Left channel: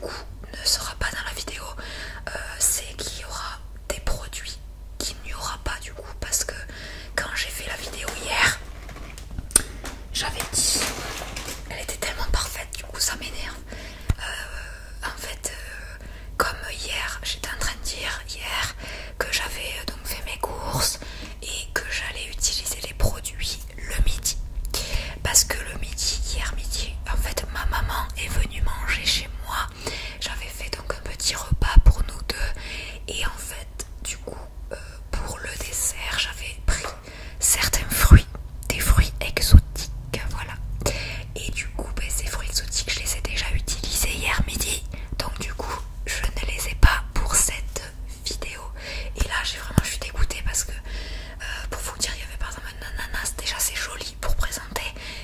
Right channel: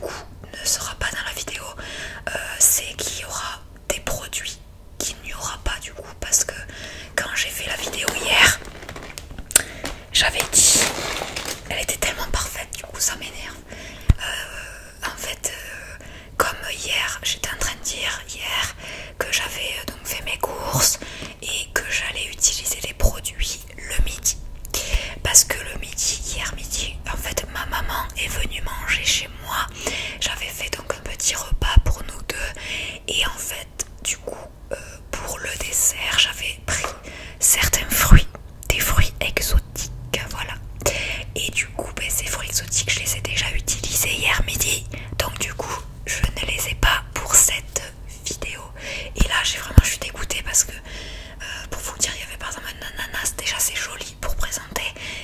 coup ne sera pas dans la vidéo, c'est qu'il y aura des produits qu'il n'y aura pas du coup, parce que quand j'ai fait la vidéo hier, j'avais dit, elle était tellement parfaite, du coup ça m'énerve. En fait, comme hier, j'étais en train de dire hier que j'avais donc fait mes courses et que j'allais utiliser les produits le midi. Parce que le midi, hier midi, en fait ma maman est venue manger chez moi. J'avais fait donc un petit repas pour nous deux. Et en fait, du coup, pour le dessert, j'avais pris certains fruits, des fruits exotiques, voilà. Et du coup, ces fruits exotiques, je les ai déjà utilisés hier midi. Donc du coup, je ne les ai pas pour cette vidéo. Et là, je suis dégoûtée parce que, pour vous dire, il y avait par exemple un ananas. Déjà, c'est joli pour présenter.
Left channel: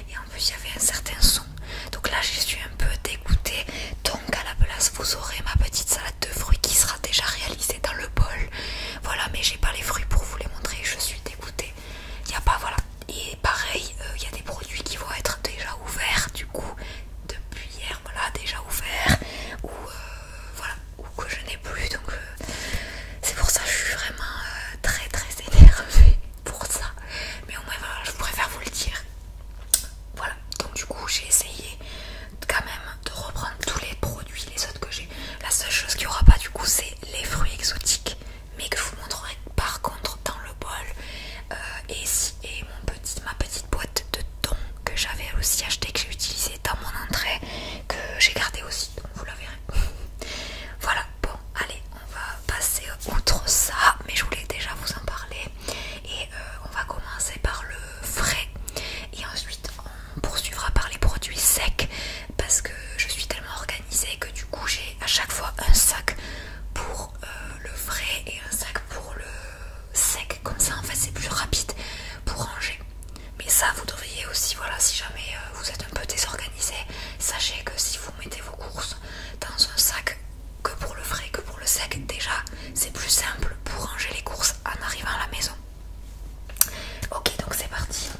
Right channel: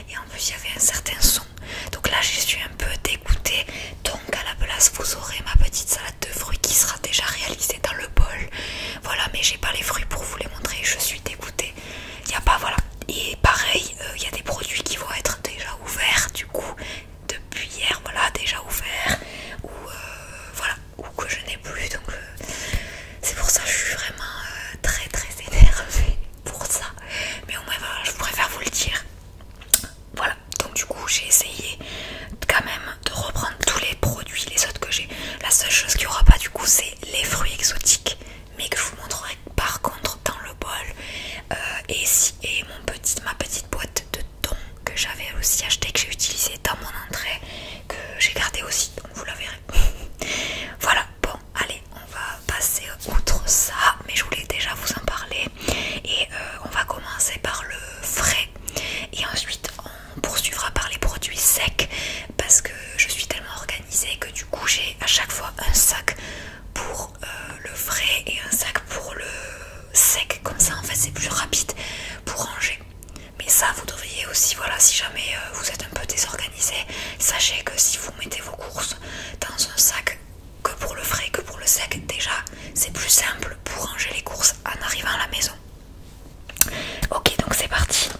Et en plus, il y avait un certain son. Donc là, je suis un peu dégoûtée. Donc à la place, vous aurez ma petite salade de fruits qui sera déjà réalisée dans le bol. Voilà, mais j'ai pas les fruits pour vous les montrer. Je suis dégoûtée. Il n'y a pas, voilà. Et pareil, il y a des produits qui vont être déjà ouverts. Du coup, depuis hier, voilà, déjà ouverts. Ou voilà, ou que je n'ai plus. Donc c'est pour ça que je suis vraiment très très énervée pour ça. Mais au moins, voilà, je préfère vous le dire. Voilà, donc du coup j'ai essayé quand même de reprendre tous les produits, les autres que j'ai. La seule chose qu'il n'y aura pas du coup, c'est les fruits exotiques, mais que je vous montrerai par contre dans le bol. Et ma petite boîte de thon que j'avais aussi acheté, que j'ai utilisé dans mon entrée, que j'ai gardé aussi, donc vous la verrez. Voilà, bon, allez, on va passer outre ça, mais je voulais déjà vous en parler. Et on va commencer par le frais. Et ensuite on poursuivra par les produits secs, parce que je suis tellement organisée que du coup j'ai à chaque fois un sac pour le frais et un sac pour le sec. Comme ça en fait c'est plus rapide pour ranger. Mais ça vous devriez aussi, voilà, si jamais vous êtes un peu désorganisé, sachez que si vous mettez vos courses dans un sac, que pour le frais que pour le sec, déjà c'est plus simple pour ranger les courses en arrivant à la maison. Ok, donc c'est parti.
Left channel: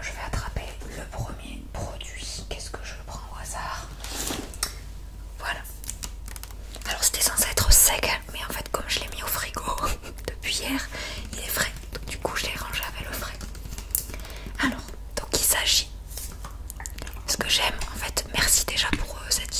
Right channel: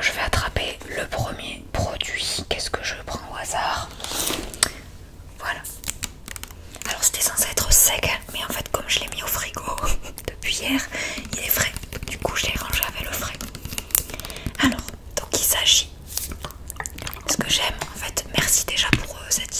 Je vais attraper le premier produit. Qu'est-ce que je prends au hasard? Voilà. Alors c'était censé être sec, mais en fait comme je l'ai mis au frigo depuis hier, il est frais. Donc du coup je l'ai rangé avec le frais. Alors, donc il s'agit... Ce que j'aime, en fait, merci déjà pour cette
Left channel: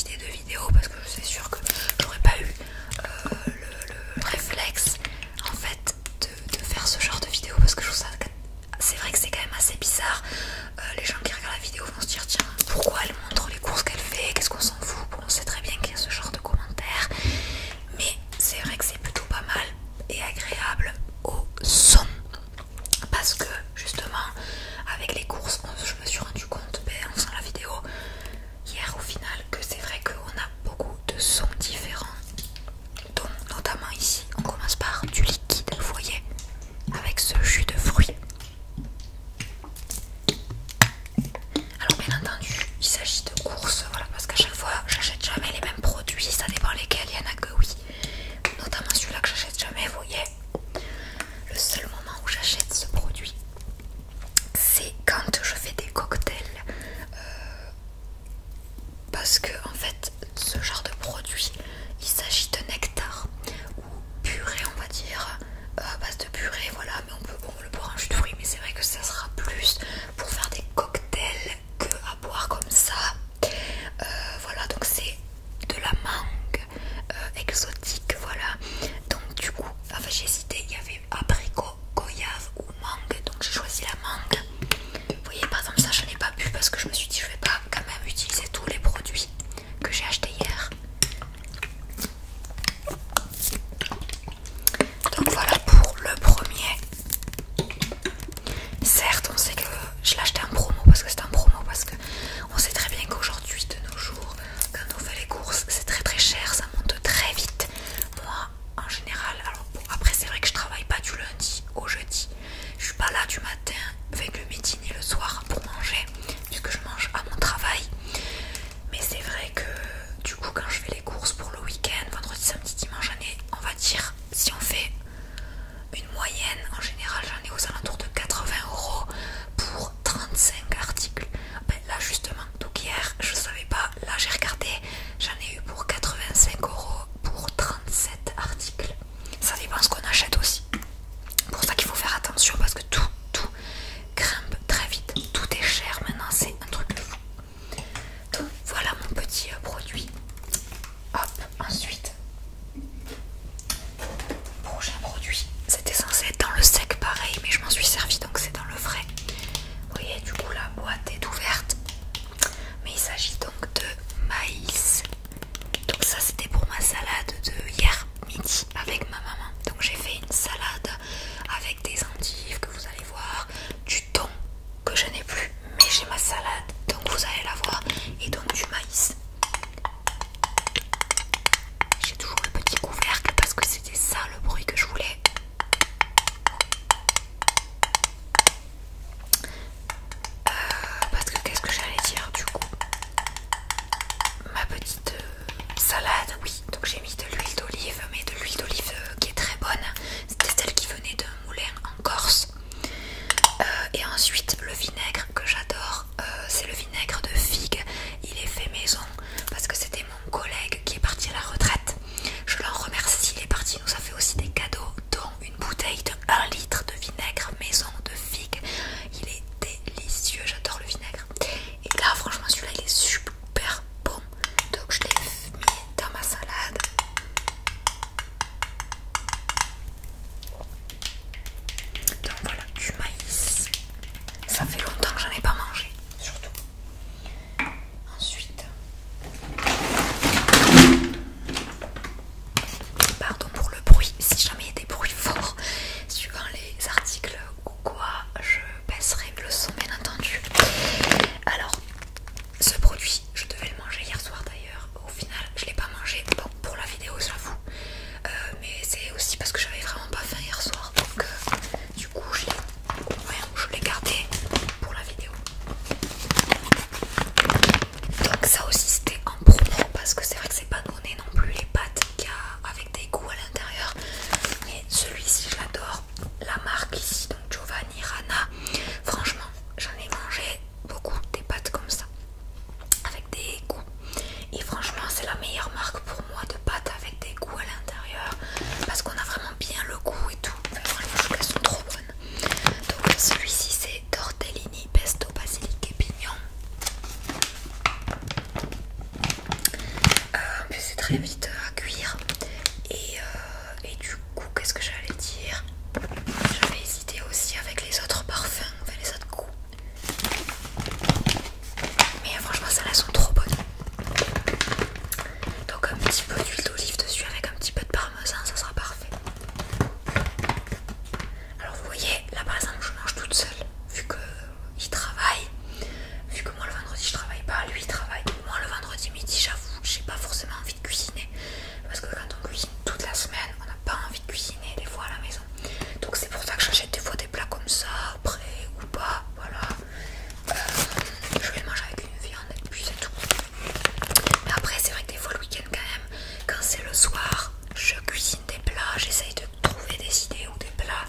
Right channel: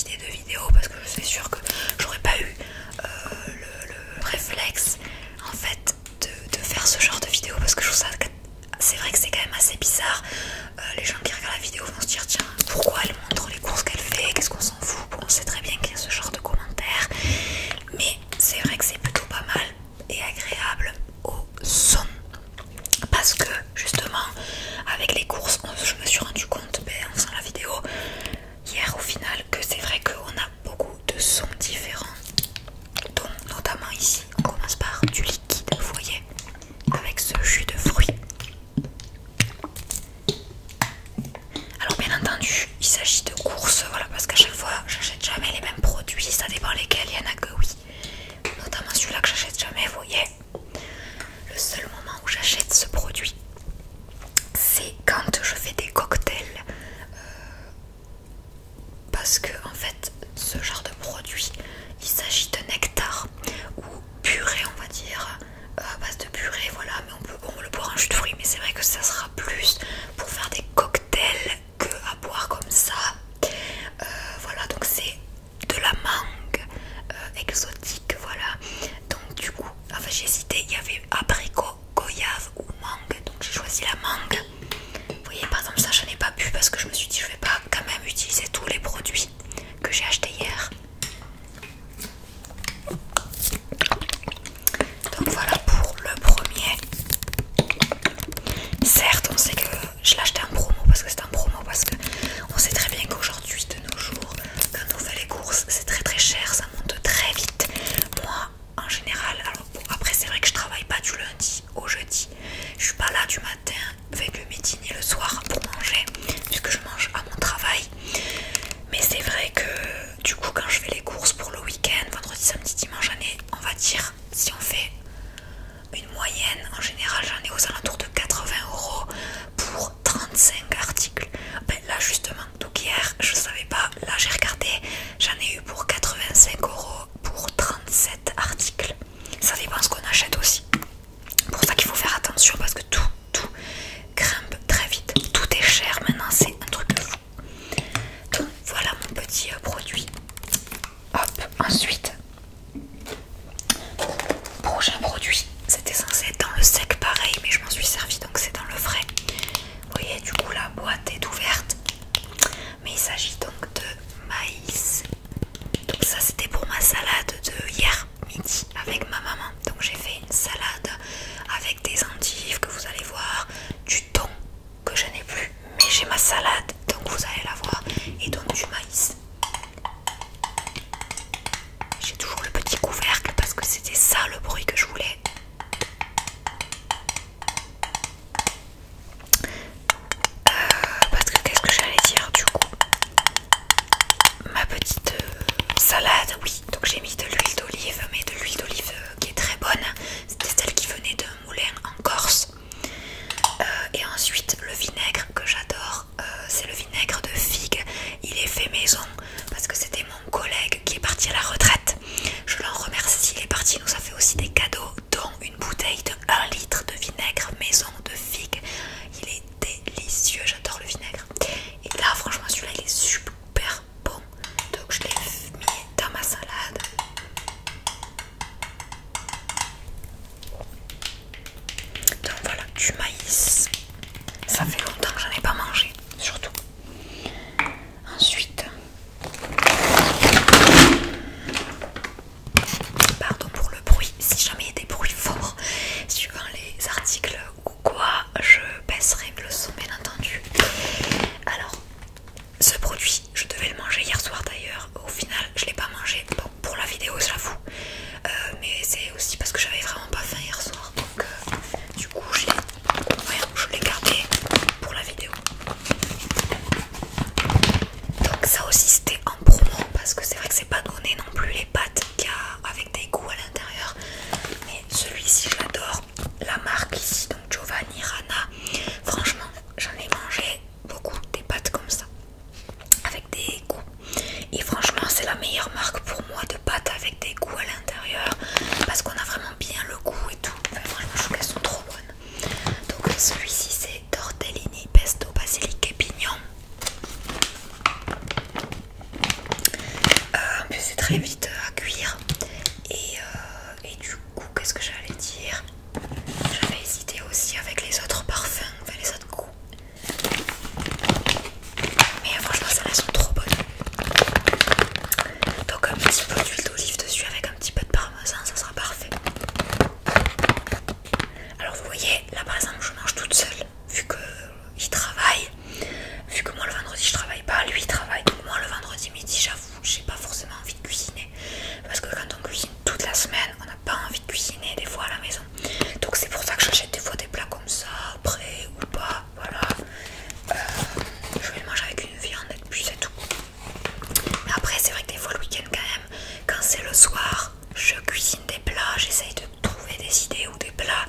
soir, je cuisine des plats, j'essaye de trouver des idées ou des plats.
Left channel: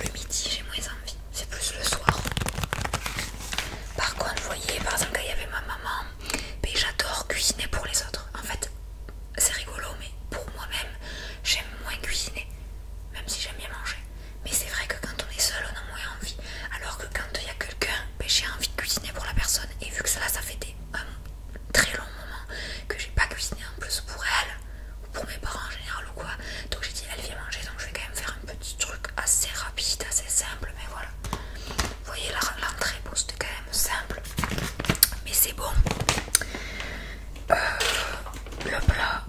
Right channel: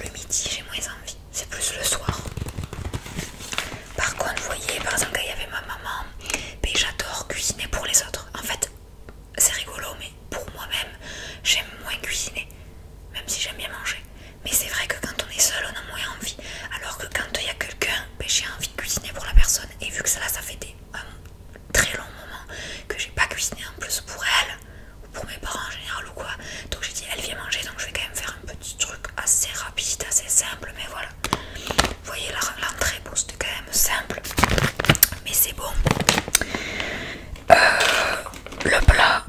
Le midi, j'ai moins envie, c'est plus le soir. Par contre, vous voyez, par exemple, quand il y avait ma maman, ben, j'adore cuisiner pour les autres. En fait, c'est rigolo, mais pour moi-même, j'aime moins cuisiner, même si j'aime bien manger. Mais c'est vrai que quand on est seul, on a moins envie. Alors que quand il y a quelqu'un, ben, j'ai envie de cuisiner pour la personne. Et vu que ça fait un très long moment que j'ai pas cuisiné en plus pour elle, ou pour mes parents en général ou quoi. Donc j'ai dit, elle vient manger, donc je vais quand même faire un petit truc assez rapide, assez simple, mais voilà. Vous voyez, l'entrée, bon, c'était quand même simple, mais c'est bon. Le plat.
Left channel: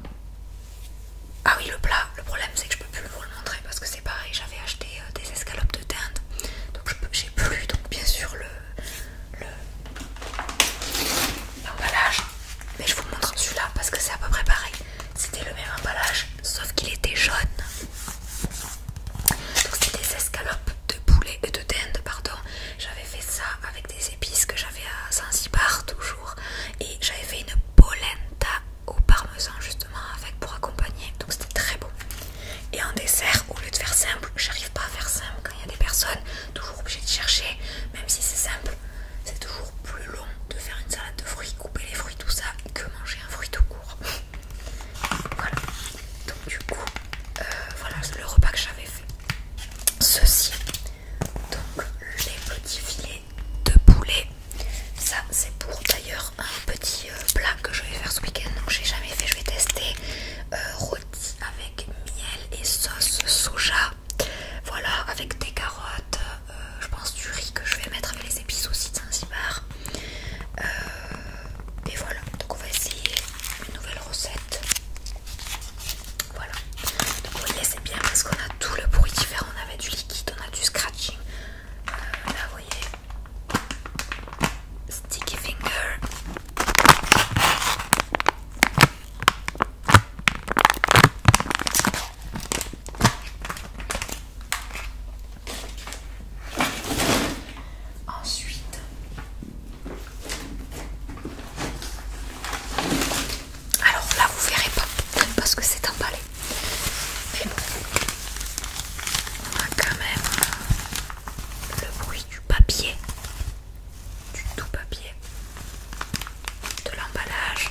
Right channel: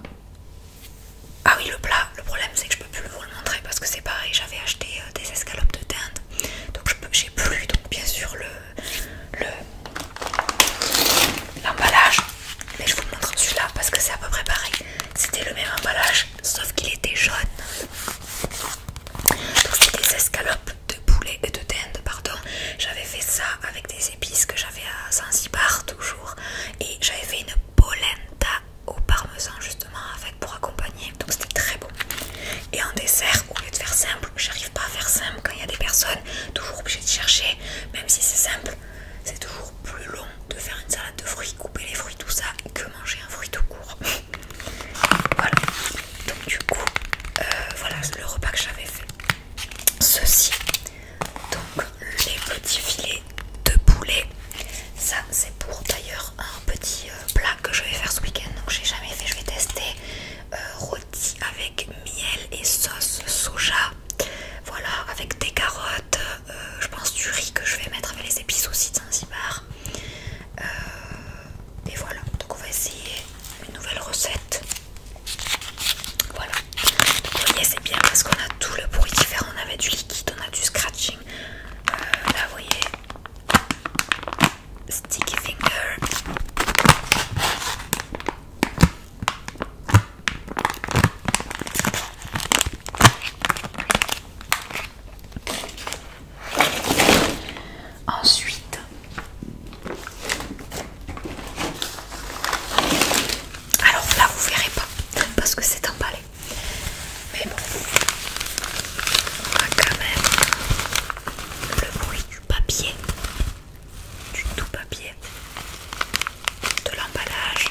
Ah oui, le plat, le problème c'est que je peux plus vous le montrer parce que c'est pareil, j'avais acheté des escalopes de dinde, donc j'ai plus, donc bien sûr l'emballage, mais je vous montre celui-là parce que c'est à peu près pareil. C'était le même emballage, sauf qu'il était jaune. Donc c'était des escalopes de poulet et de dinde, pardon. J'avais fait ça avec des épices que j'avais à Zanzibar toujours, et j'avais fait une polenta au parmesan justement avec pour accompagner, donc c'était très bon. Et en dessert, au lieu de faire simple, j'arrive pas à faire simple quand il y a des personnes, toujours obligé de chercher, même si c'est simple, c'est toujours plus long de faire une salade de fruits, couper les fruits, tout ça, que manger un fruit tout court. Voilà, donc du coup, voilà le repas que j'avais fait. Ceci, donc les petits filets de poulet, ça c'est pour d'ailleurs un petit plat que je vais faire ce week-end, donc j'ai jamais fait, je vais tester. Rôti avec miel et sauce soja, voilà, avec des carottes, je pense du riz que je vais mettre avec les épices aussi de Zanzibar, et voilà, donc on va essayer une nouvelle recette. Voilà, donc vous voyez, c'est bien parce qu'on a tout le bruit différent, on avait du liquide, on a du scratching, là vous voyez, sticky finger. Ensuite, alors là vous verrez pas parce que c'est emballé, mais bon, on a quand même le bruit du papier, du tout papier, de l'emballage.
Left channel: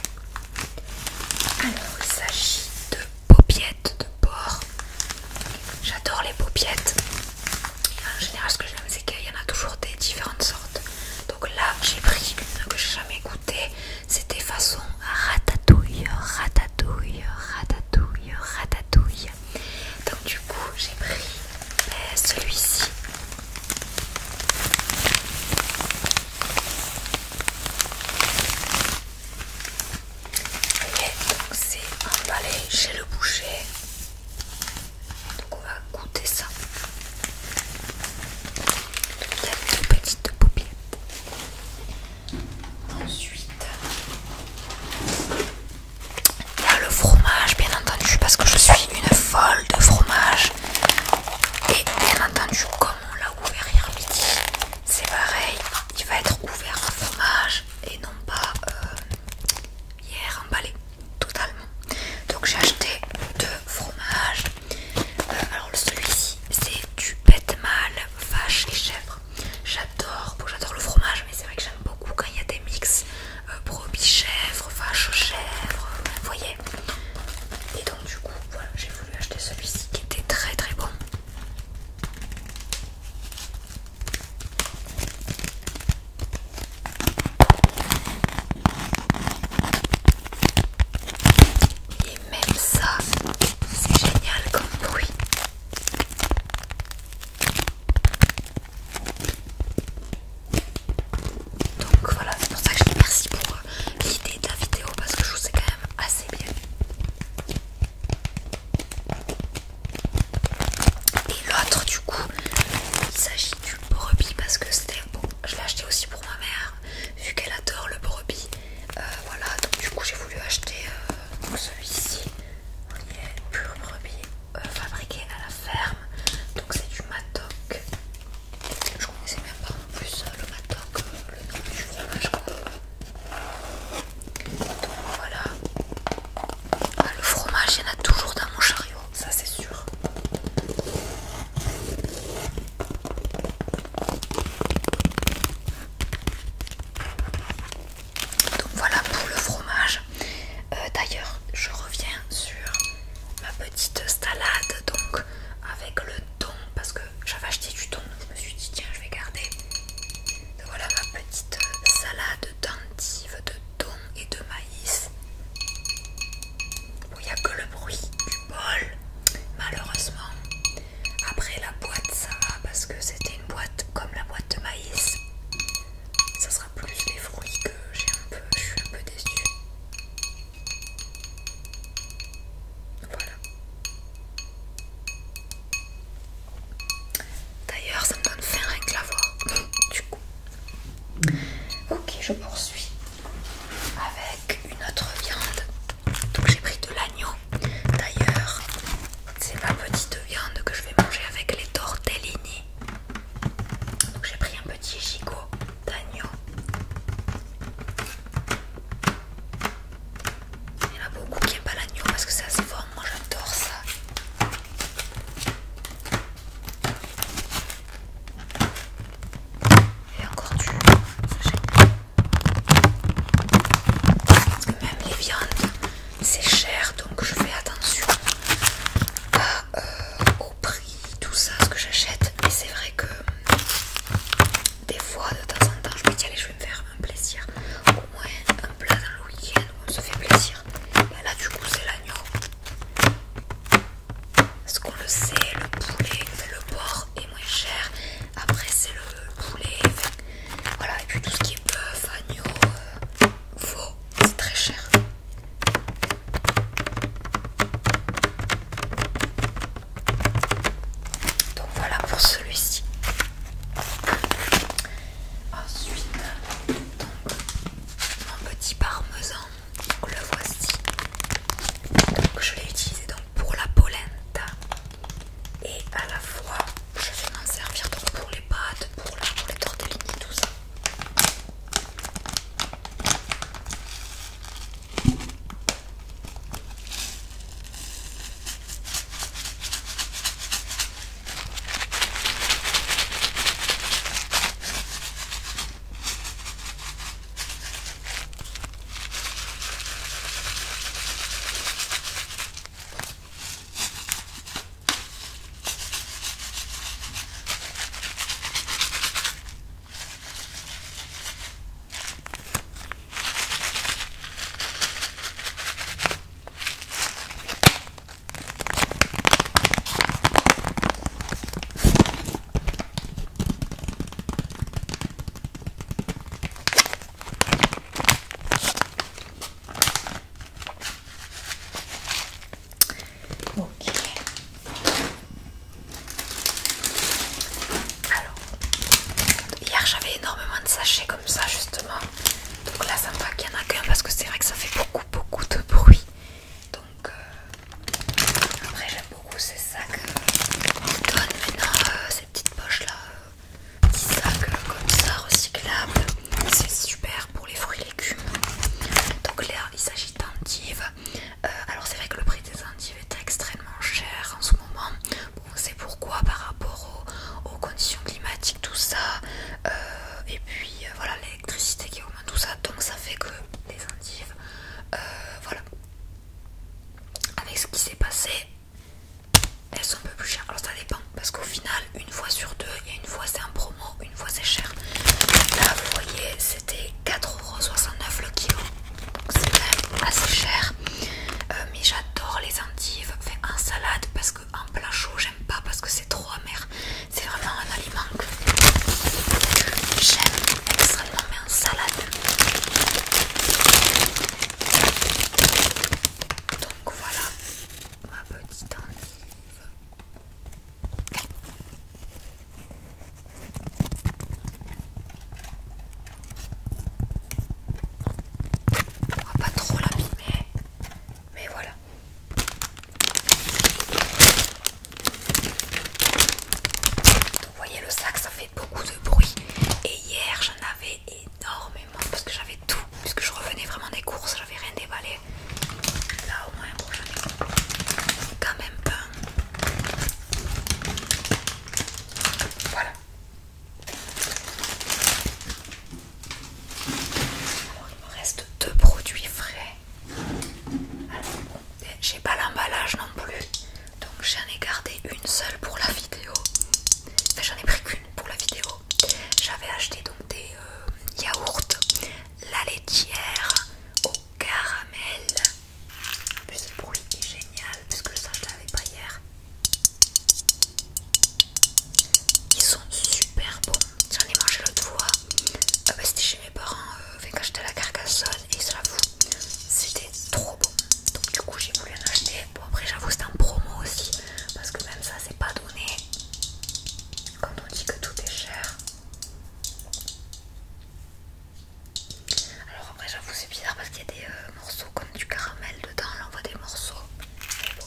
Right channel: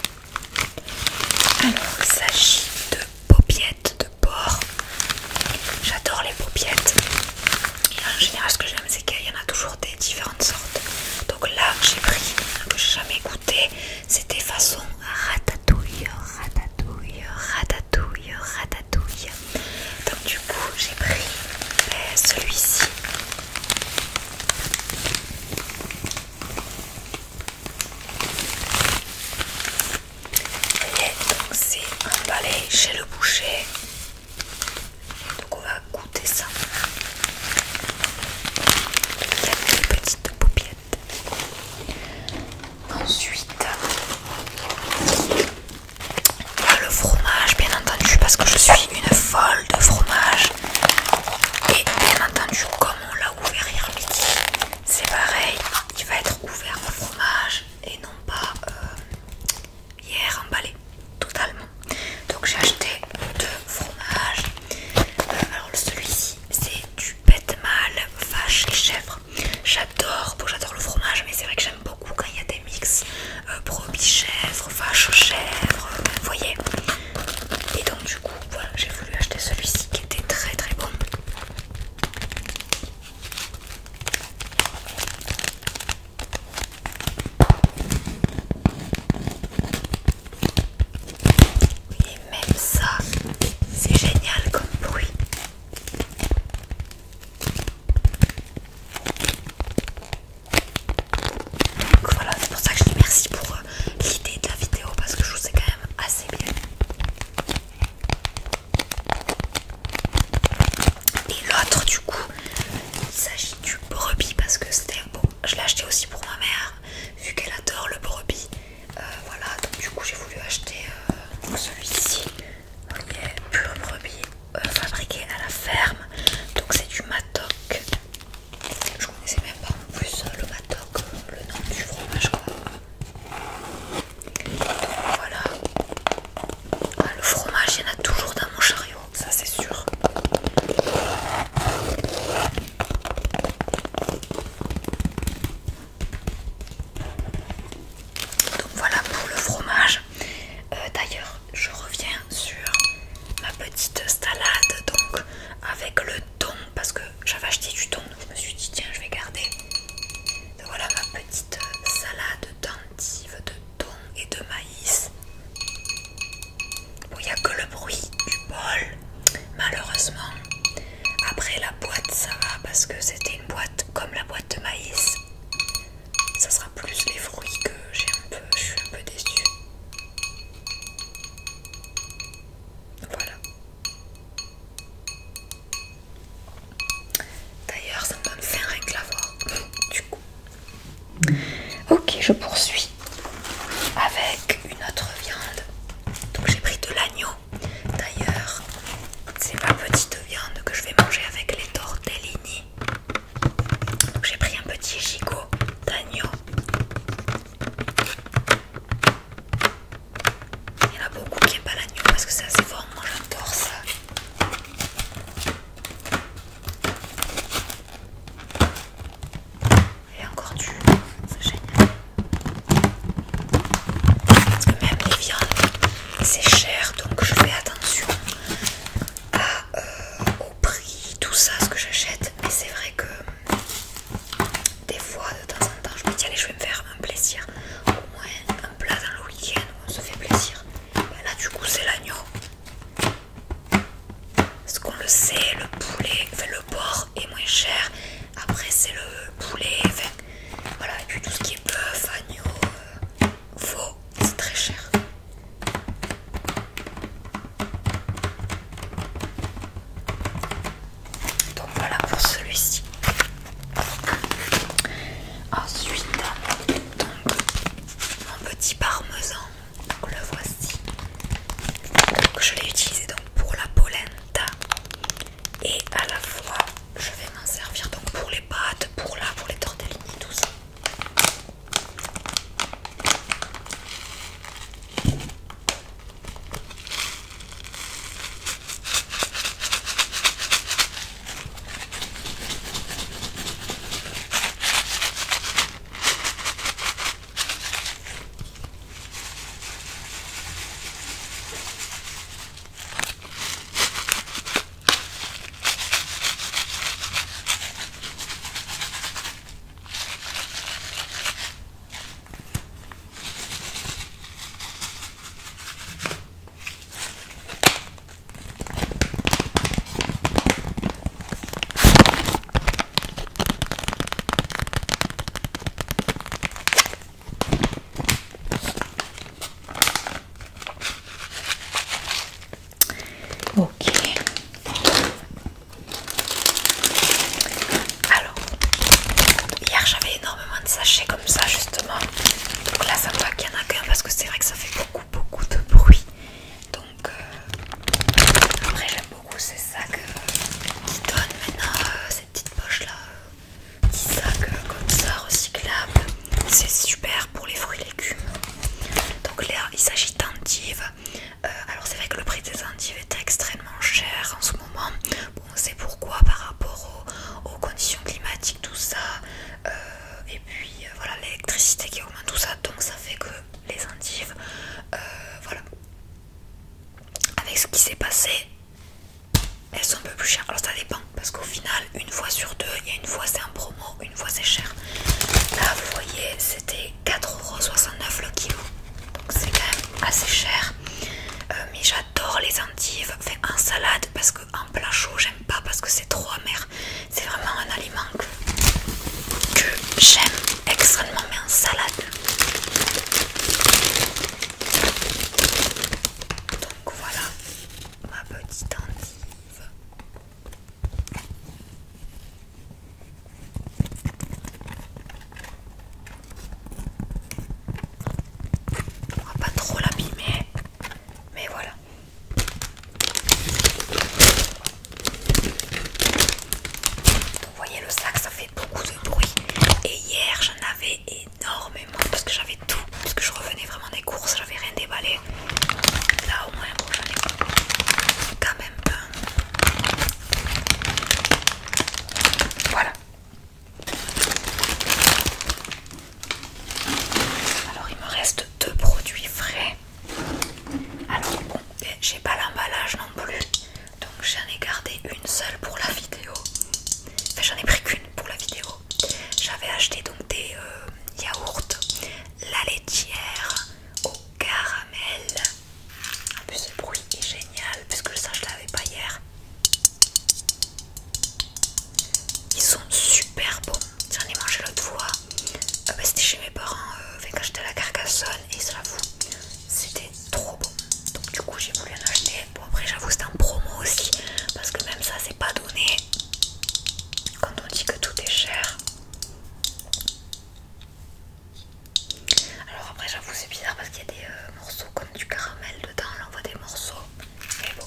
Alors il s'agit de paupiettes de porc. J'adore les paupiettes. Et en général ce que j'aime c'est qu'il y en a toujours des différentes sortes. Donc là j'ai pris une que j'ai jamais goûté. C'était façon ratatouille, ratatouille, ratatouille, ratatouille. Donc du coup j'ai pris celui-ci. Vous voyez, donc c'est emballé chez le boucher. Donc on va goûter ça. Il y a des petites paupiètes. Ensuite, il y a le fromage, bien entendu, parce que je suis une folle de fromage. Et bien entendu, comme on l'a ouvert hier midi, c'est pareil, il va être ouvert en fromage et non pas hier emballé totalement. Donc j'ai acheté parce que c'était une boîte comme la boîte de maïs. Ça sera plus les fruits que je suis un peu déçue. Voilà. D'ailleurs, ça me donne faim rien que la voir. Du coup. Ok, je poursuis avec une autre viande. Donc j'ai pris de l'agneau. D'ailleurs, c'est ma petite viande que je vais manger avec les tortellini. Donc j'ai pris un petit gigot d'agneau. Il y en a beaucoup qui n'aiment pas l'agneau parce que c'est assez fort. Moi j'adore ça. Et encore du génial. Parce que même les viandes, c'est cher, donc je fais attention au prix, tout ça, ce que j'achète. Mais c'est vrai que des fois, de temps en temps, je me dis allez, je vais me faire un plaisir. Au moins un plat dans le week-end où on se fait plaisir. Ben là, du coup, c'est l'agneau. Parce qu'on le sait, le poulet, enfin, le porc est moins cher. Après, c'est le poulet, enfin, voilà. Et puis tout ce qui est bœuf, agneau, veau, c'est très cher. Donc voilà pour celui-ci. Ensuite, donc, mon petit parmesan, donc le voici. Donc je l'ai utilisé donc pour la polenta et à la fois je vais m'en servir donc pour les pâtes, pour les tortellini, tout ça. Ok. Alors, hier j'avais énormément de sachets comme ça justement. Donc là ça me va qu'il y en a qu'un parce que c'est vrai que ça fait beaucoup de bruit. Donc après j'aime beaucoup ces sacs qui donnent maintenant ces petites poches là. Petits sacs comme ça recyclables. C'est super pour les fruits et légumes. Donc là il s'agit d'endives. Alors c'est vrai que le prix des endives est extrêmement cher en ce moment. Bon, c'est pourquoi par rapport aux conditions climatiques, tout ça. Et puis voilà, l'électricité qui augmente, tout ça. Donc ça fait que les endives, voilà. Avec ce qui s'est passé, elles sont un peu plus chères. Alors ça dépend, parce qu'au final, une fois sur deux, il y a une fois c'est en promo, une fois c'est cher. Là vous voyez, c'était 4,69€ le kilo. Donc c'est quand même assez cher. Mais j'adore les endives, enfin en salade, parce que en plat chaud j'aime pas parce que c'est trop amer. C'est vraiment un aliment que j'aime extrêmement, mais en salade. Donc voilà ma petite endive. On va pas trop l'abîmer, mais voilà. Donc vous voyez, le sac ça fait beaucoup de bruit. Et hier j'en avais énormément parce que j'avais tout, puisque je revenais vraiment des courses, j'avais rien déballé. Là au moins bon, j'en ai quand même un. Voilà. Alors il me reste 2 produits frais. Alors bon, j'ai pas l'emballage non plus, donc j'en ai gardé une seule pour la vidéo. Enfin j'en ai pris qu'une pour la vidéo. J'avais acheté donc des yaourts, la laitière au caramel. En plus le bruit est génial puisque ça je l'avais pas hier. Ils sont j'avoue c'était en promo aussi, parce que même ça c'est pas donné quand on dit que tout est cher. Alors après j'avoue c'est bizarre parce qu'il y a des morceaux comme du caramel dedans, là on voit des morceaux. Mais bon,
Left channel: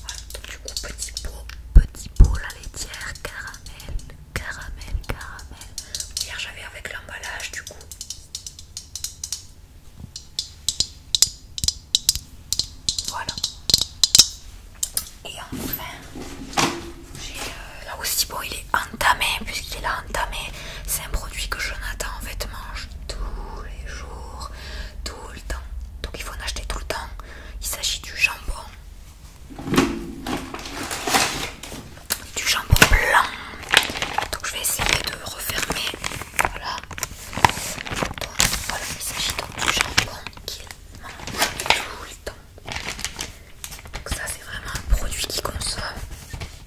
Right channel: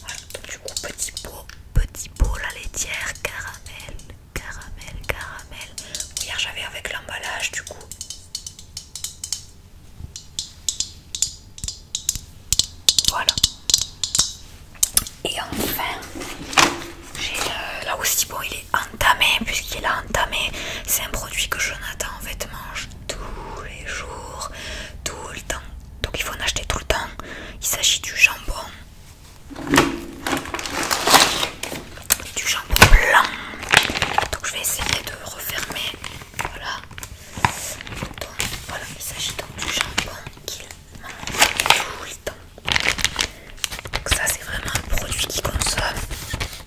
voilà, donc du coup petit pot la laitière, caramel, caramel, caramel. Hier j'avais avec l'emballage du coup. Voilà. Et enfin, j'ai là aussi, bon il est entamé, puisqu'il est entamé, c'est un produit que Jonathan en fait mange tous les jours, tout le temps, donc il faut en acheter tout le temps. Il s'agit du jambon blanc, donc je vais essayer de refermer, voilà. Donc voilà, il s'agit donc du jambon qu'il mange tout le temps. Donc ça c'est vraiment un produit qu'il consomme.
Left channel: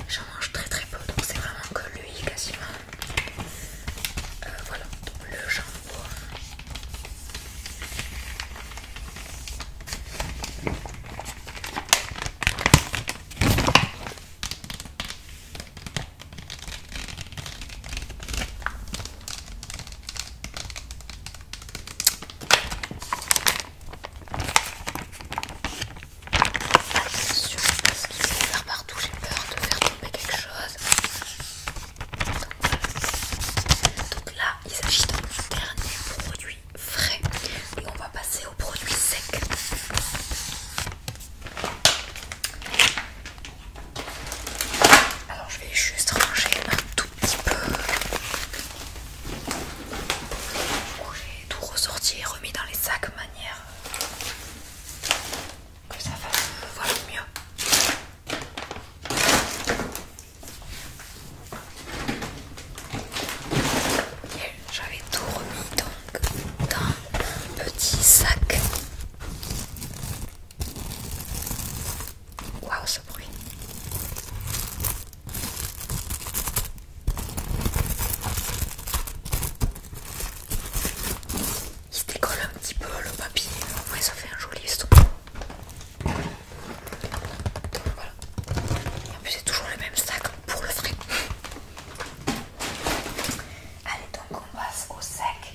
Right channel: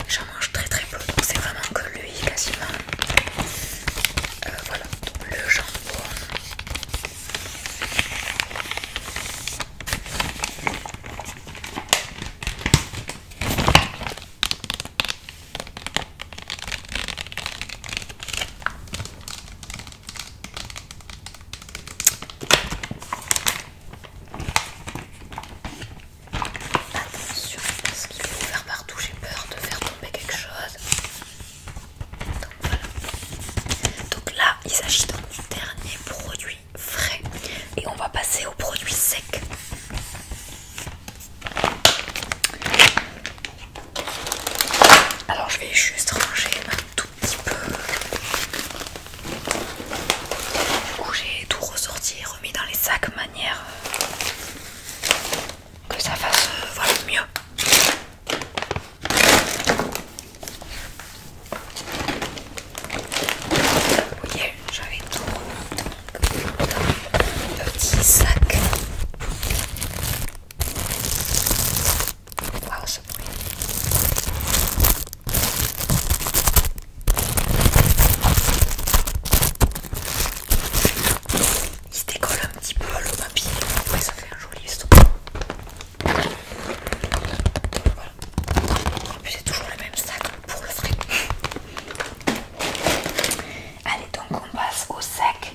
J'en mange très très peu, donc c'est vraiment que lui quasiment. Voilà, donc le jambon. Attention parce qu'il est ouvert partout, j'ai peur de faire tomber quelque chose. Donc voilà. Donc là, il s'agit donc du dernier produit frais. Et on va passer aux produits secs. Alors je vais juste ranger un tout petit peu. Où j'ai tout ressorti et remis dans les sacs, manière que ça fasse voilà, mieux. Vous voyez, j'avais tout remis donc dans un petit sac. Waouh, ce bruit. Il se décolle un petit peu le papier, après ça fait un joli son. Voilà. En plus c'est toujours le même sac pour le frais. Allez, donc on passe au sec.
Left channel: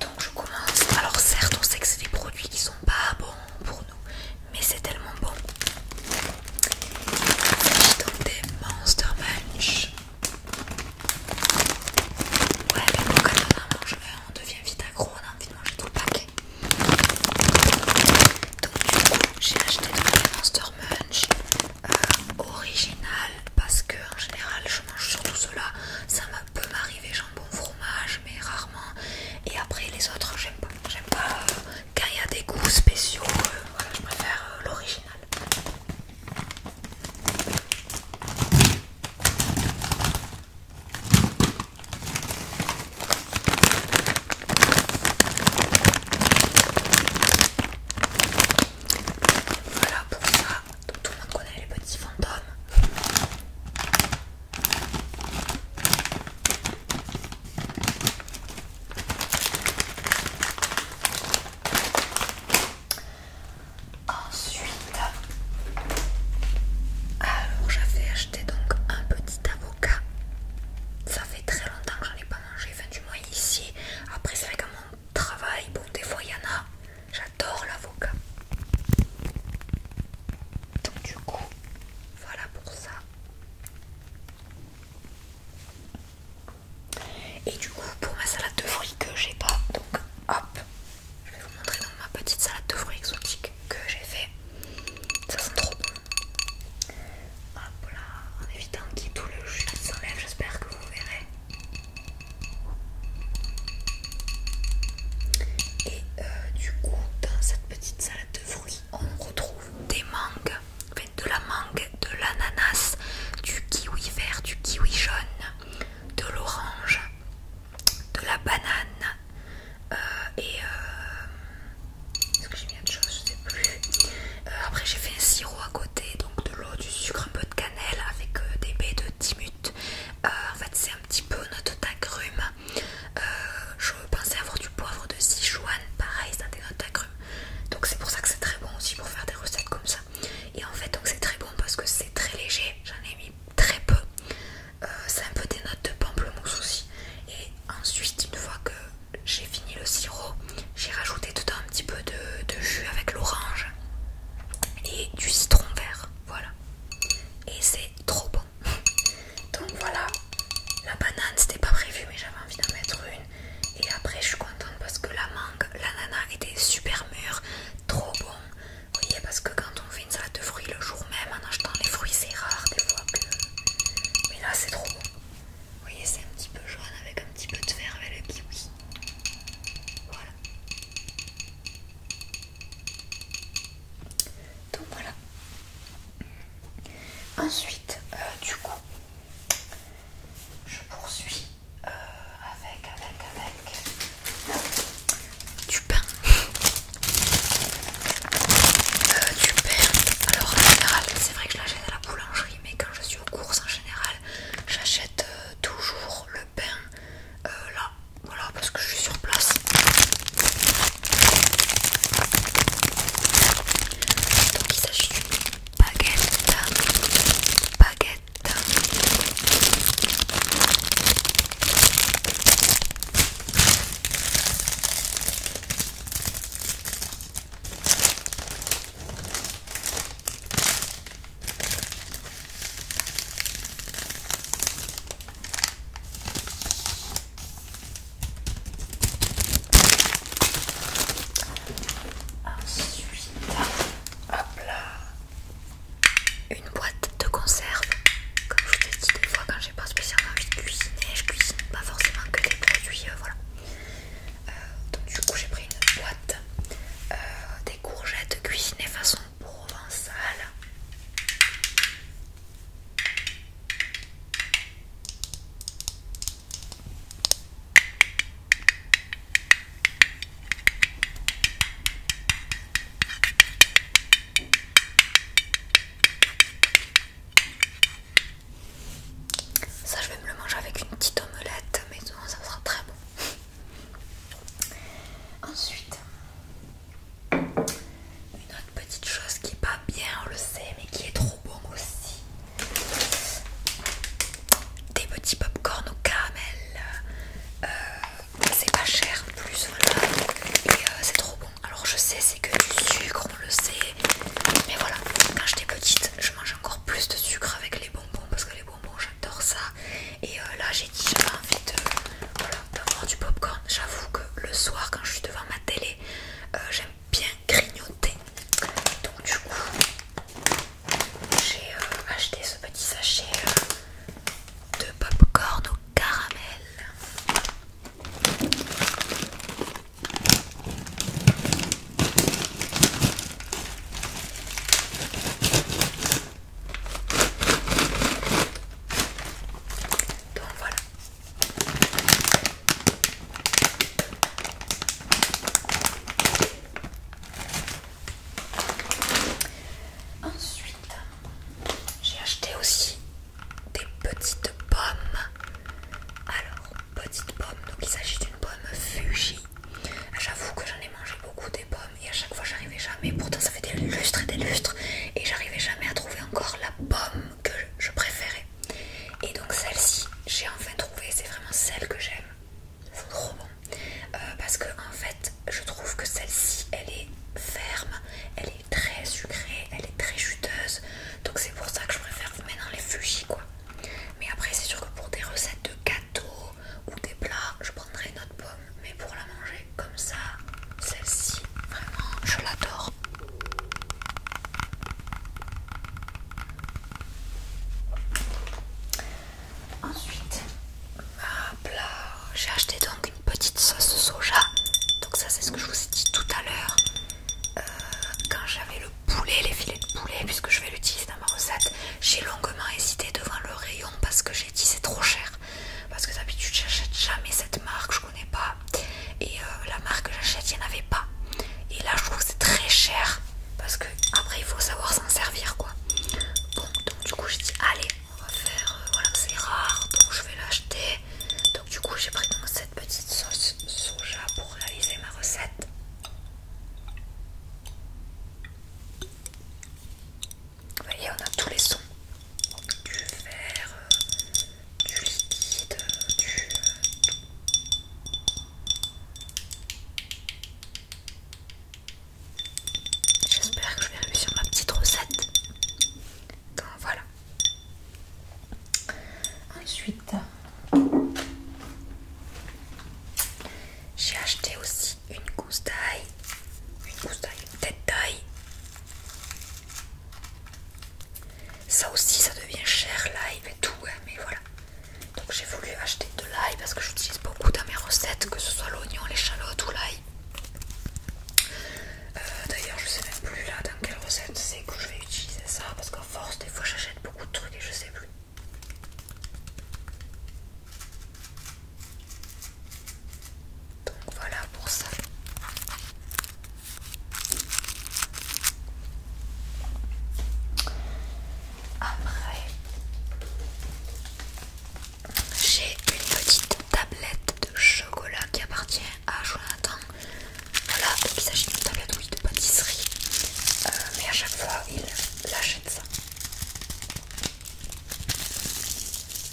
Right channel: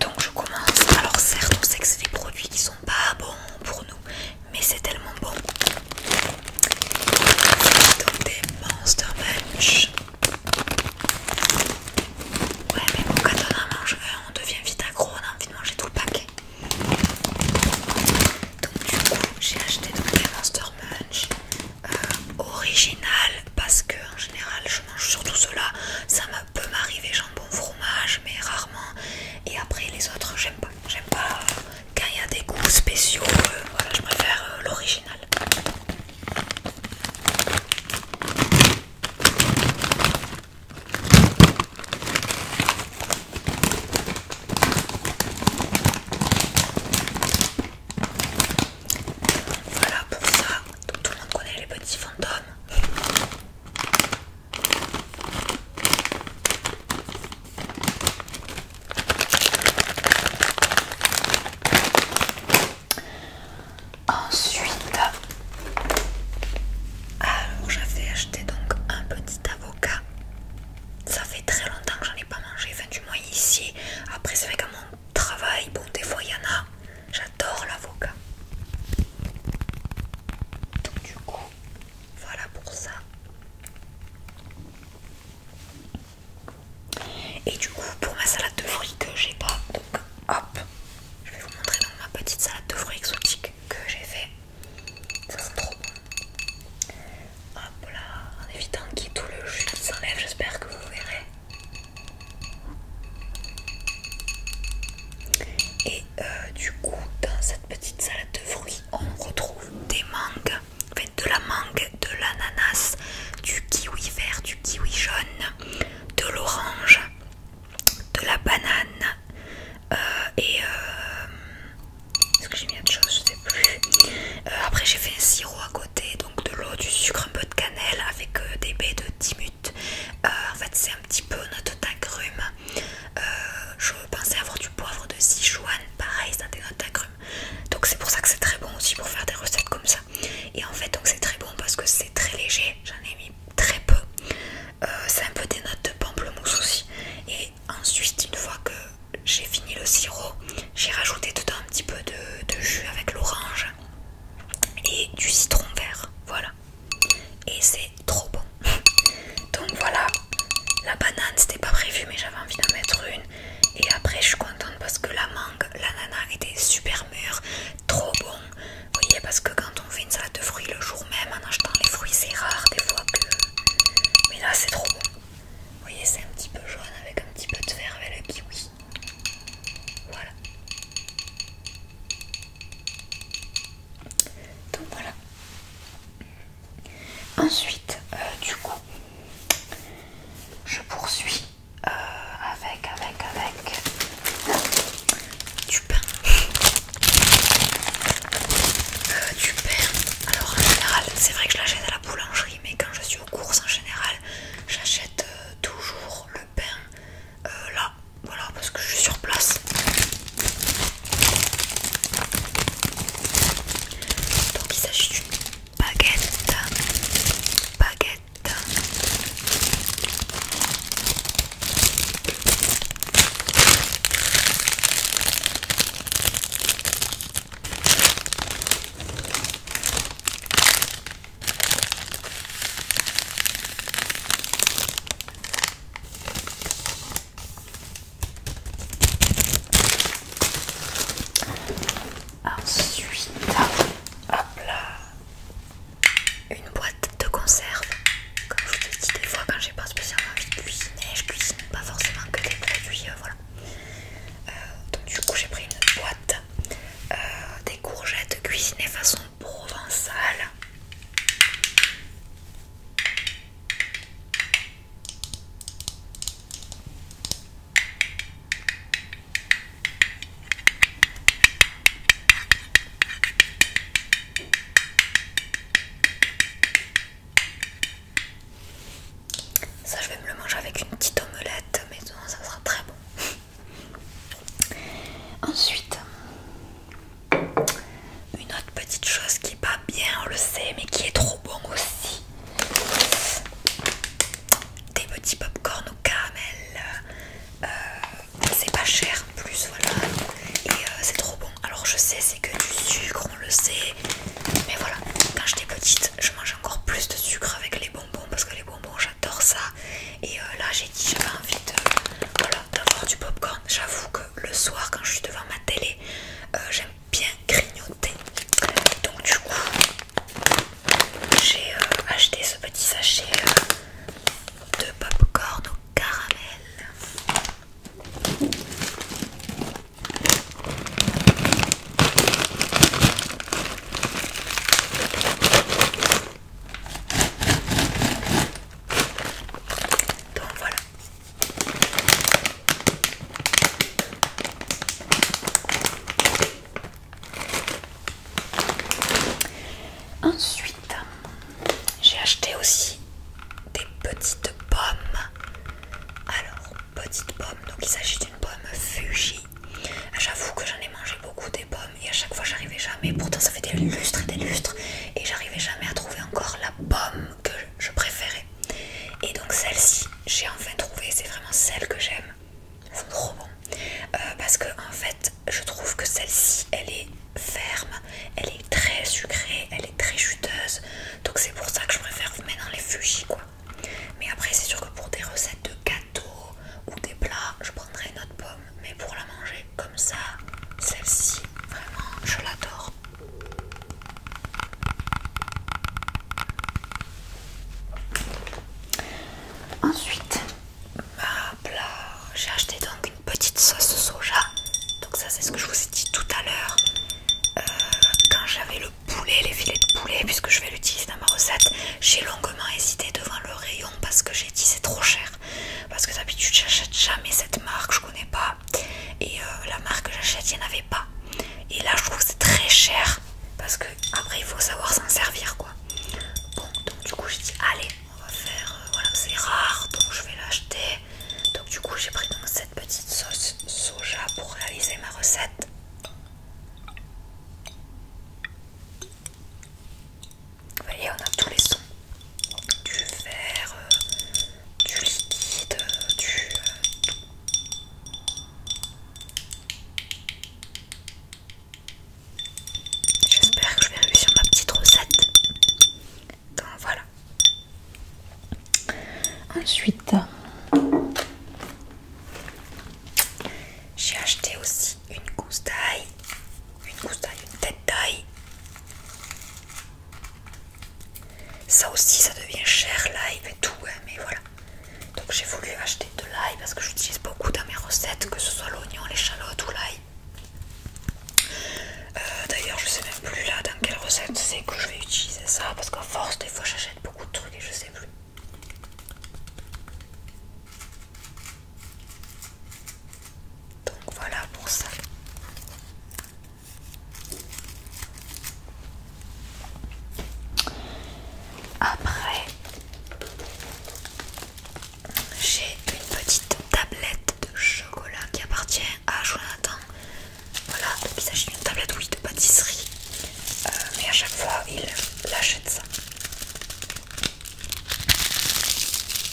Donc je commence. Alors certes on sait que c'est des produits qui sont pas bons pour nous, mais c'est tellement bon. Donc des Monster Munch. Ouais, mais bon, quand on en mange un, on devient vite accro, on a envie de manger tout le paquet. Donc du coup j'ai acheté donc les Monster Munch original, parce que en général je mange surtout ceux-là. Ça peut m'arriver jambon fromage, mais rarement. Et après les autres j'aime pas. J'aime pas quand il y a des goûts spéciaux. Voilà, je préfère l'original. Voilà pour ça. Donc, tout le monde connaît les petits fantômes. Ensuite, alors j'avais acheté donc un petit avocat. Ça fait très longtemps que j'en ai pas mangé, enfin du moins ici. Après c'est vrai qu'à mon travail, bon des fois il y en a. J'adore l'avocat. Donc du coup, voilà pour ça. Et du coup pour ma salade de fruits que j'ai pas, donc hop, je vais vous montrer donc ma petite salade de fruits exotique que j'ai fait. Ça sent trop bon. Hop là, en évitant qu'il y ait tout le jus qui s'enlève, j'espère que vous verrez. Et du coup dans cette petite salade de fruits on retrouve des mangues, enfin de la mangue, de l'ananas, du kiwi vert, du kiwi jaune, de l'orange, Ensuite, du coup, je poursuis avec du pain. Du pain. Alors en général, c'est vrai que je l'achète à la boulangerie, mais quand je suis aux courses en général, j'achète toujours le pain là, voilà, parce que je suis sur place. Donc il s'agit d'une baguette. Ensuite, hop là, une boîte de conserve. Comme je vous l'ai dit, des fois quand j'ai pas spécialement envie de cuisiner, je cuisine pas forcément que des produits, voilà. Donc du coup j'ai pris une boîte, des courgettes cuisinées façon provençale. Ça je vais me le manger avec une petite omelette, mais non, ça sera très bon. Ensuite, une autre petite chose qui est pas bien, on le sait, mais qui est trop bon aussi. Des petits pop-corn au caramel. C'est pas cher en plus, voilà. Et c'est trop bon. Alors je sais, c'est que du sucre, on le sait. Mais voilà, quand j'étais petite, je mangeais encore plus de sucre avec les bonbons parce que les bonbons, j'adore ça. Et là, j'ai dit, j'avais envie de, voilà, d'avoir du popcorn. J'avoue que le soir, quand je suis devant ma télé, j'aime bien grignoter. Donc du coup, j'ai acheté ce petit sachet de popcorn au caramel. Donc voilà. Ensuite, j'ai acheté aussi des petites pommes. Alors, petites pommes, donc il s'agit d'une pomme Fuji. J'avoue que j'en ai mangé beaucoup des pommes et à chaque fois j'arrivais jamais, pourtant ça fait des lustres et j'arrivais jamais à trouver encore la pomme que je préférais. Et donc celle-ci, j'ai enfin trouvé, c'est vraiment celle que j'aime. C'est trop bon. Parce que en fait, je trouve que celle-ci, elle est ferme, elle est très sucrée, elle est très juteuse. Donc c'est pour ça que je préfère maintenant les Fuji quoi. Mais après c'est sûr que pour des recettes de gâteaux ou des plats, je prendrai une autre pomme. Mais pour la manger comme ça, celle-ci, vraiment, je l'adore. Ensuite, hop là, j'ai acheté donc une petite sauce soja. Donc ça c'est ce que je vous ai dit tout à l'heure. Quand j'avais le poulet, les filets de poulet, puisque je vais l'utiliser dans ma recette, j'ai longuement hésité devant le rayon parce que j'ai dit c'est trop cher. Parce que d'habitude j'achète jamais cette marque, je connais pas. Et la marque que j'achète, il n'y en avait pas. Et là je trouve que c'est très cher. Parce que après il faut savoir s'en servir quoi. Bon, donc du coup j'ai dit allez, on va faire, voilà, c'est rare, donc je vais l'acheter. Donc du coup j'ai pris donc cette petite sauce soja pour réaliser ma recette. Vous voyez, on a tous les sons. Du verre, du liquide, du... J'espère que je vais réussir ma petite recette. Donc voilà. Ensuite, j'ai acheté aussi une gousse d'ail, une tête d'ail. Ça aussi, ça devient cher l'ail et tout, hein, mais voilà. Donc j'ai voulu acheter de l'ail parce que j'utilise beaucoup dans mes recettes, que ce soit l'oignon, l'échalote ou l'ail. D'ailleurs, je sais même plus là dans quelle recette c'est que je vais utiliser ça parce qu'à force, des fois j'achète beaucoup de il achète ça?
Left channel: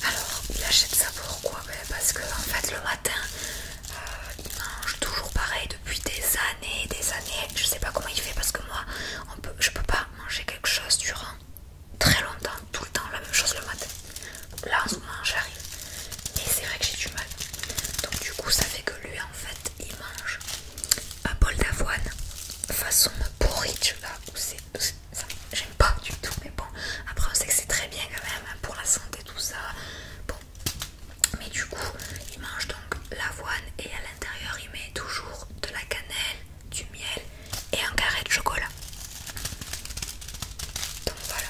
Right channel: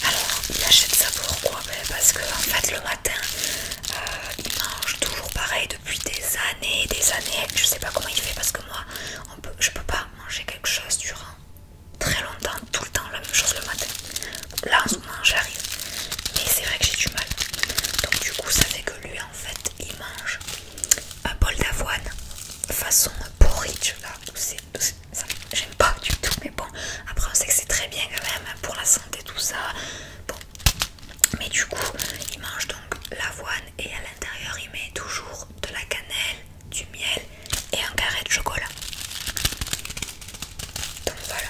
Alors, il achète ça pourquoi? Parce que en fait le matin, il mange toujours pareil depuis des années, des années. Je sais pas comment il fait parce que moi, je peux pas manger quelque chose durant très longtemps, tout le temps la même chose le matin. Là en ce moment j'arrive, mais c'est vrai que j'ai du mal. Donc du coup ça fait que lui en fait il mange un bol d'avoine façon porridge là, j'aime pas du tout, mais bon après on sait que c'est très bien quand même pour la santé tout ça. Bon, mais du coup il mange donc l'avoine et à l'intérieur il met toujours de la cannelle, du miel et un carré de chocolat. Donc voilà.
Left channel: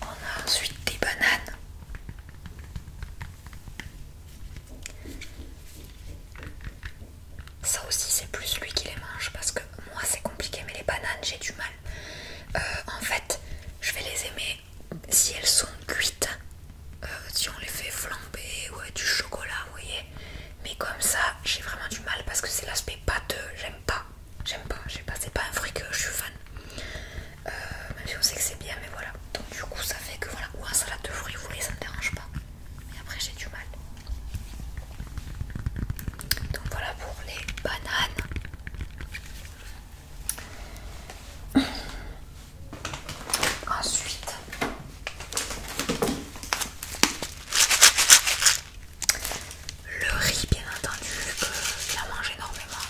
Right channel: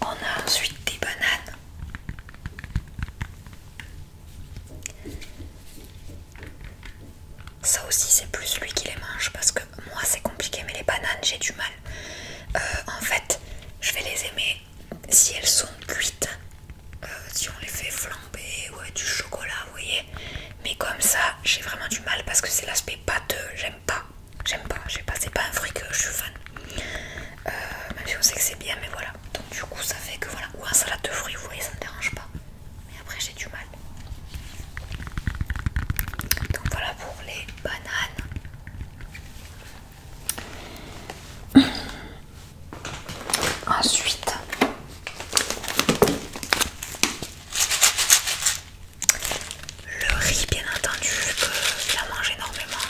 On a ensuite des bananes. Ça aussi c'est plus lui qui les mange parce que moi c'est compliqué, mais les bananes j'ai du mal. En fait je vais les aimer si elles sont cuites, si on les fait flamber ou avec du chocolat, vous voyez. Mais comme ça j'ai vraiment du mal parce que c'est l'aspect pâteux, j'aime pas, c'est pas un fruit que je suis fan. Même si on sait que c'est bien, mais voilà. Donc du coup ça fait que voilà, ou un salade de fruits, vous voyez, ça me dérange pas. Mais après j'ai du mal. Donc voilà pour les bananes. Ensuite, le riz, bien entendu, vu qu'il en mange énormément.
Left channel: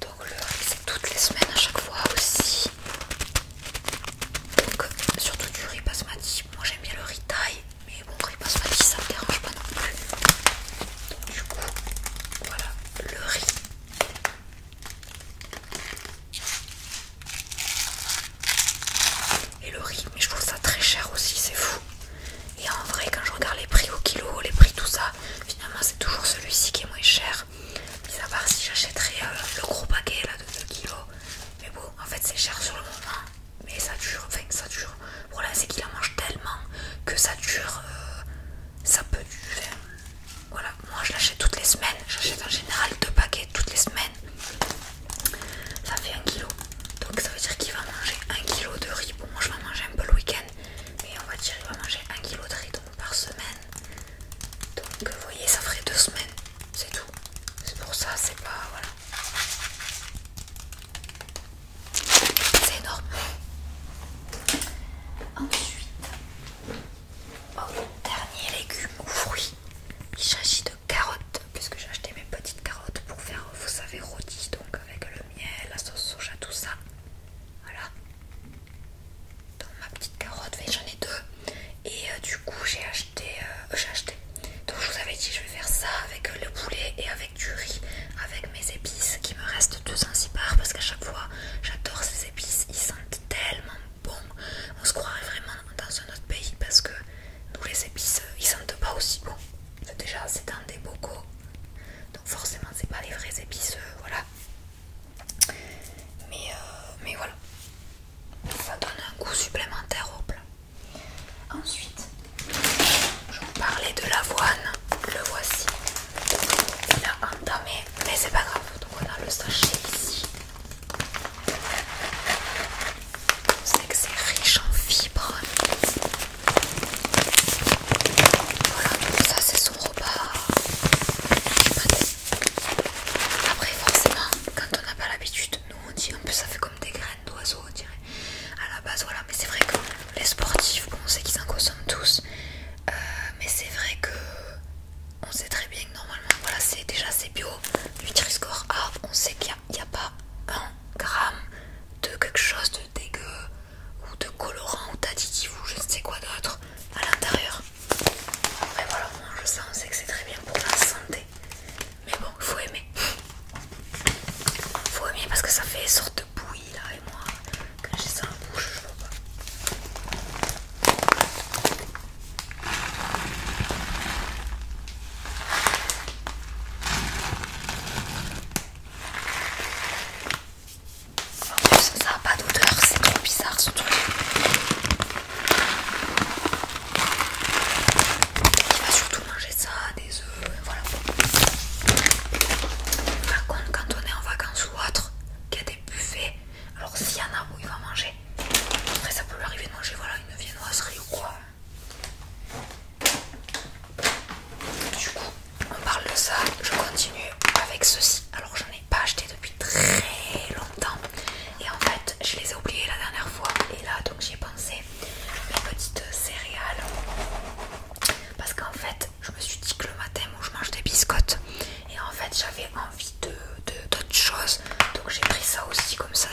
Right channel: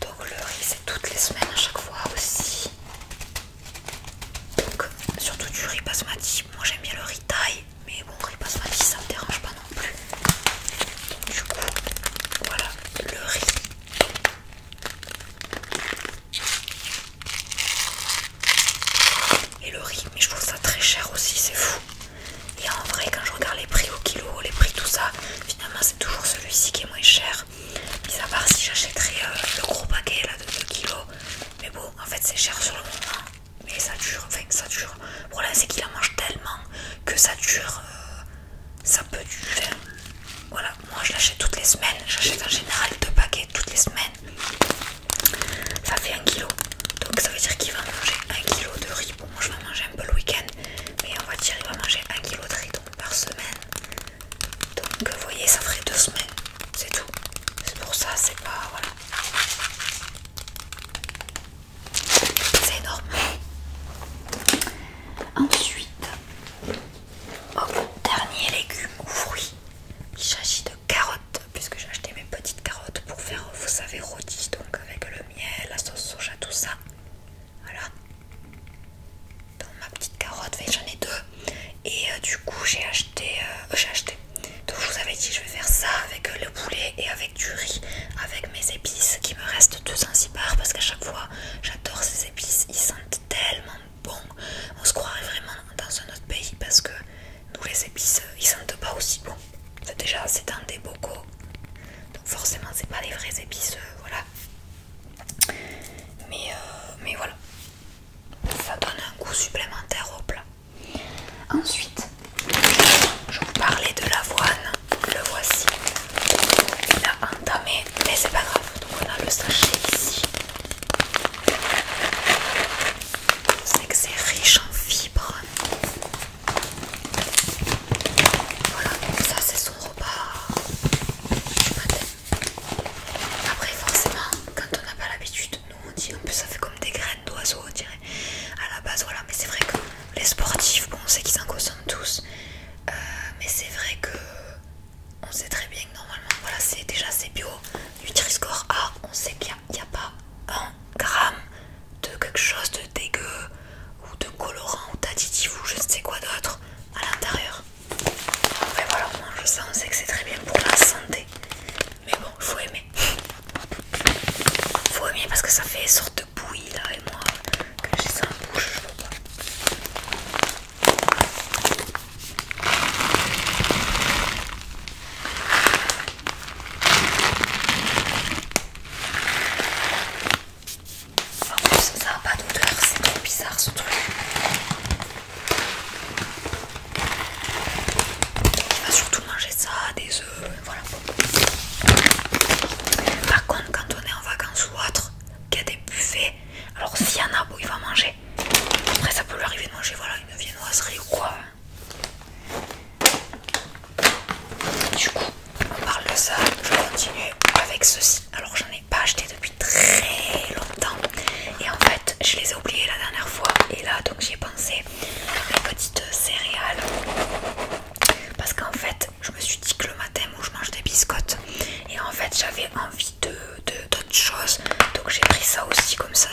Donc le riz c'est toutes les semaines à chaque fois aussi.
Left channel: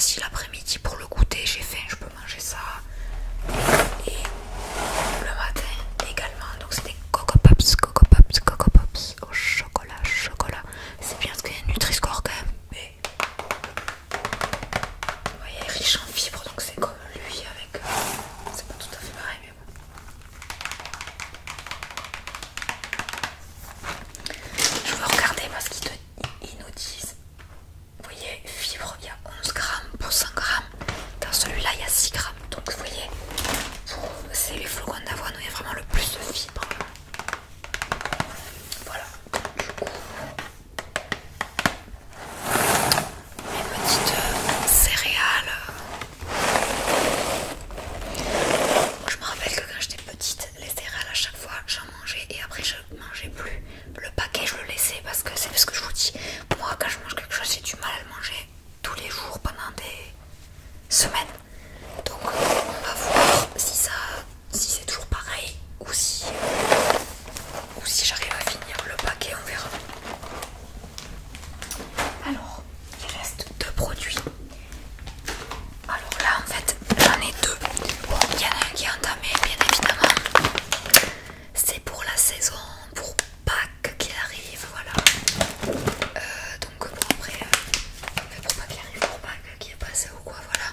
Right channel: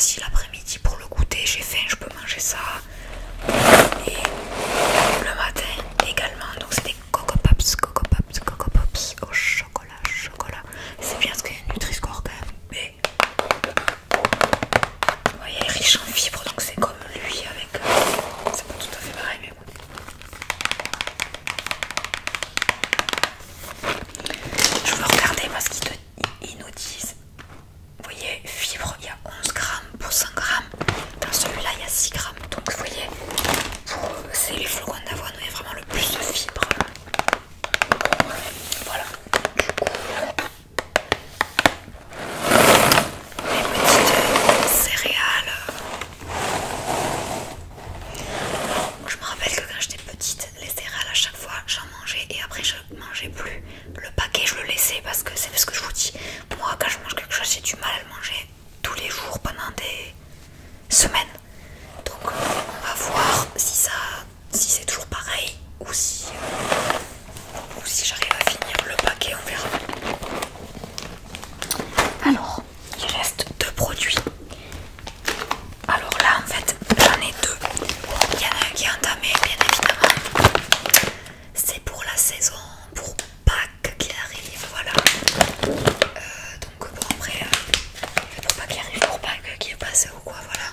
facile l'après-midi pour le goûter. J'ai faim, je peux manger ça. Et le matin également. Donc c'est des Coco Pops au chocolat. C'est bien parce qu'il y a un Nutri-Score quand même. Mais ouais, il est riche en fibres, donc c'est comme lui avec. C'est pas tout à fait pareil, mais bon. Je veux regarder parce qu'ils nous disent. Vous voyez, fibres, il y a 11 grammes pour 100 grammes. Dans celui-là, il y a 6 grammes. Donc vous voyez, c'est les flocons d'avoine où il y a vraiment le plus de fibres. Voilà. Du coup, les petites céréales. Je me rappelle que quand j'étais petite, les céréales à chaque fois j'en mangeais et après je mangeais plus. Le paquet je le laissais parce que c'est ce que je vous dis. Moi quand je mange quelque chose j'ai du mal à le manger tous les jours pendant des semaines. Donc on va voir si c'est toujours pareil ou si j'arrive à finir le paquet, on verra. Alors, il reste 2 produits. Alors là en fait j'en ai 2. Bon, il y en a un qui est entamé bien évidemment. C'est pour la saison, pour Pâques qui arrive, voilà. Donc bon après, pour pas qu'il arrive pour Pâques qui est passé ou quoi, voilà.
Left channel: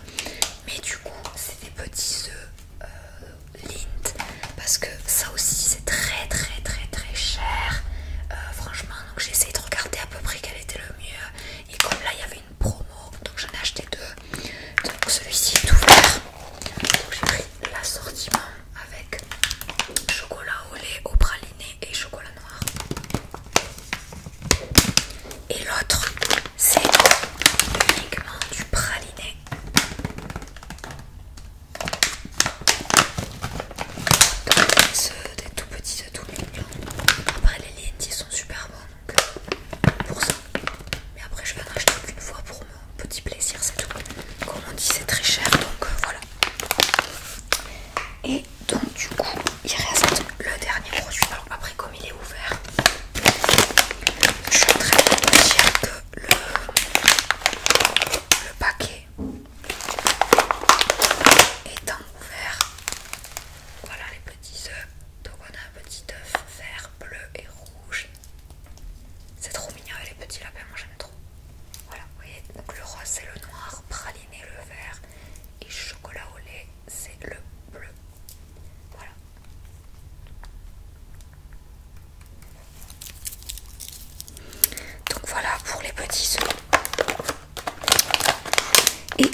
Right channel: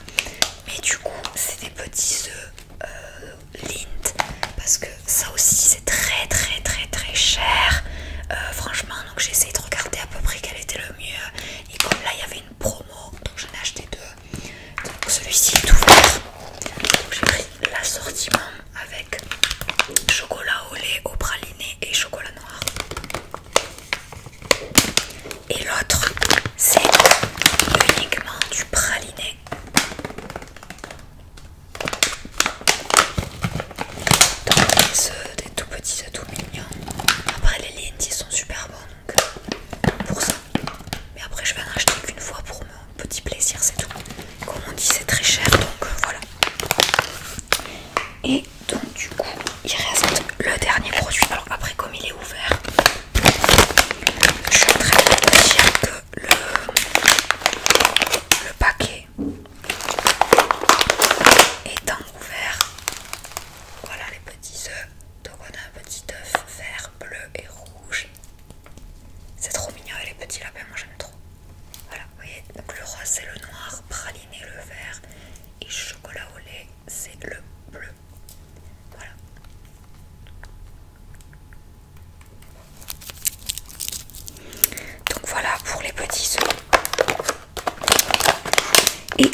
Mais du coup c'est des petits œufs Lindt parce que ça aussi c'est très cher. Franchement, donc j'ai essayé de regarder à peu près quel était le mieux. Et comme là il y avait une promo, donc j'en ai acheté 2. Donc celui-ci est ouvert. Donc j'ai pris l'assortiment avec chocolat au lait, au praliné et chocolat noir. Et l'autre c'est uniquement du praliné. Donc des tout petits œufs tout mignons. Après les Lindt ils sont super bons donc pour ça. Mais après je vais en acheter qu'une fois pour mon petit plaisir, c'est tout. Comme on dit c'est très cher donc voilà. Et donc du coup il reste le dernier produit. Alors après comme il est ouvert, je suis en train de vous dire que le paquet étant ouvert, voilà les petits œufs. Donc on a un petit œuf vert, bleu et rouge. C'est trop mignon et les petits lapins, moi j'aime trop. Voilà, vous voyez, donc le rose c'est le noir, praliné le vert et chocolat au lait c'est le bleu. Voilà. Donc voilà pour les petits œufs. Et